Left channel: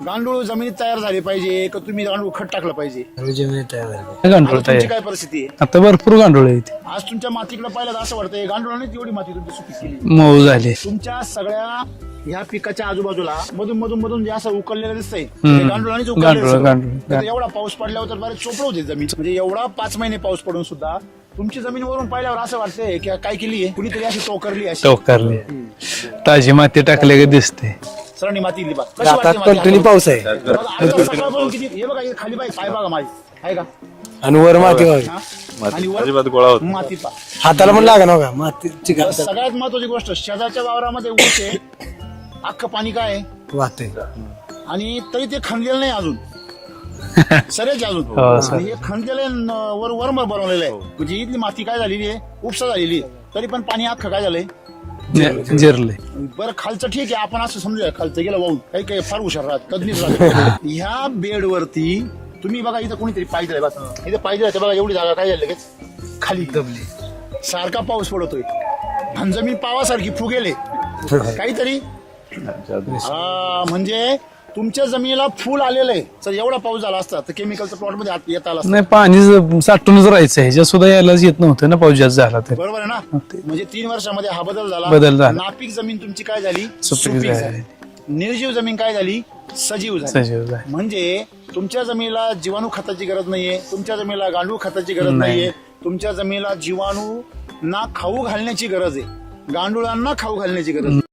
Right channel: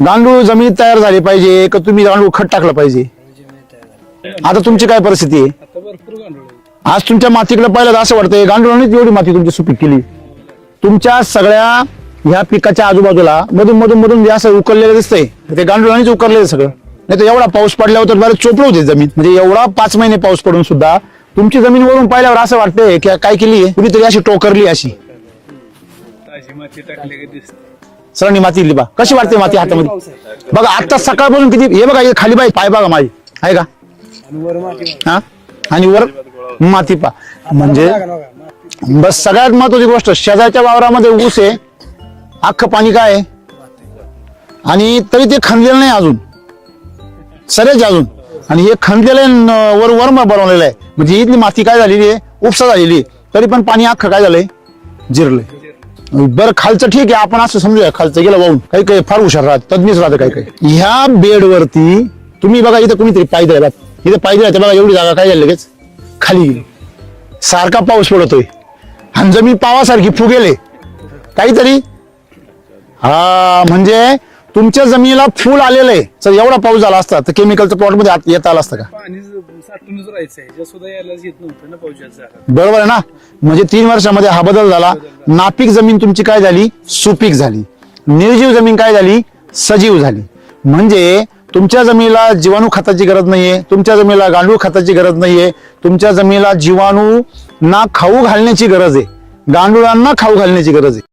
गांडूळ जमिनीत तयार झाले पाहिजे का तुम्ही गांडूळ खत टाकलं पाहिजे? आता तुमची काय परिस्थिती आहे? आता भरपूर गांडूळ आहेत. आज तुमच्या मातीकडे पाहिलं तर असं वाटतंय गांडुळानेच एवढी माती तुमची सुपीक केली. मऊ झाले. तुमच्या सगळ्या ह्या पिकाच्या आजूबाजूला मधून मधून मधून जे असं उकललेलं दिसतंय ते गांडुळानेच उकललेलं गांडूळ, सगळं. नाही तर एवढा पाऊस पडल्यावर तर बरं चोपड होते जमीन. म्हणजे एवढा पाच महिने पाऊस पडून सुद्धा तुमची जमीन वरून पाहिल्यावर असं वाटतंय की काय केली आहे कुणीतरी अशी टोकरली अशी. टोकारले. ताजी माती टाकले की दिसते. सरांनी माती दिली बा. कशी वाटते माती हातामध्ये? पाऊस आहे. बघा आता सकाळपासून किती हे बघा हे खाली बाई पाय बघा माझी आहे का? आणि वर माती वाहते. हा? आणि वर माती पा. हाताला पण लागा नका माती बस सगळ्यात महत्वाची गोष्ट शेजारच्या वावरामध्ये ऊस आहे. अख्खं पाणी काय आहे? वाहते आणि तरी ते खणलेलं नाही अजून. सरेच अजून. हो, आणि हे खणलेलं आहे न- वर वर बनवलेलं आहे. म्हणजे इथली माती काय झालेली आहे? उपसा झालेली आहे. तरी पण पाणी अख्खं काय झालंय? जिरलंय जिरले. बरं खालचं ठीक आहे आपण असं समजूया. खालचं गेलं वाहून. काही काही फार हुशार राहत तज्ञच राहत काही. ह्या बेडवरती तुम्ही बघा इथं कुणीतरी पाय दिला इथे पाय दिला बघा एवढी जागा काय झाली लगेच? खाली. सारखा पाऊस पडतोय. आणि जमीन पावासारखी फुगेले. काहीतरी? हा म्हणजे तुमच्या जमिनीला फुल आलेलं आहे. जर एवढा पाऊस झाला असता तर केमिकलच्या प्लॉटमध्ये आत येता आला असता. नाही पाणी ज- साठूनच राहायचं ह्याच्यात सुद्धा यायलाच येत नव्हतं ना पाऊस जास्त झाला. बरोबर आहे ना? म्हणजे तीन वर्षामध्ये हा बदल झाला. बदल झाला. नापीक जमीन तुमची काय झाली? सुपीक झाली. निर्जीव जमीन काय झाली? सजीव झाली. सजीव झाली. म्हणजे तुमच्या जमिनीला जीवाणू खताची गरज नाहीये तुमच्या जमिनीला गांडूळ खताची गरज नाहीये तुमच्या जमिनीला जीवाणू ना खाऊ घालण्याची गरज आहे गांडुळांना खाऊ घालण्याची गरज आहे.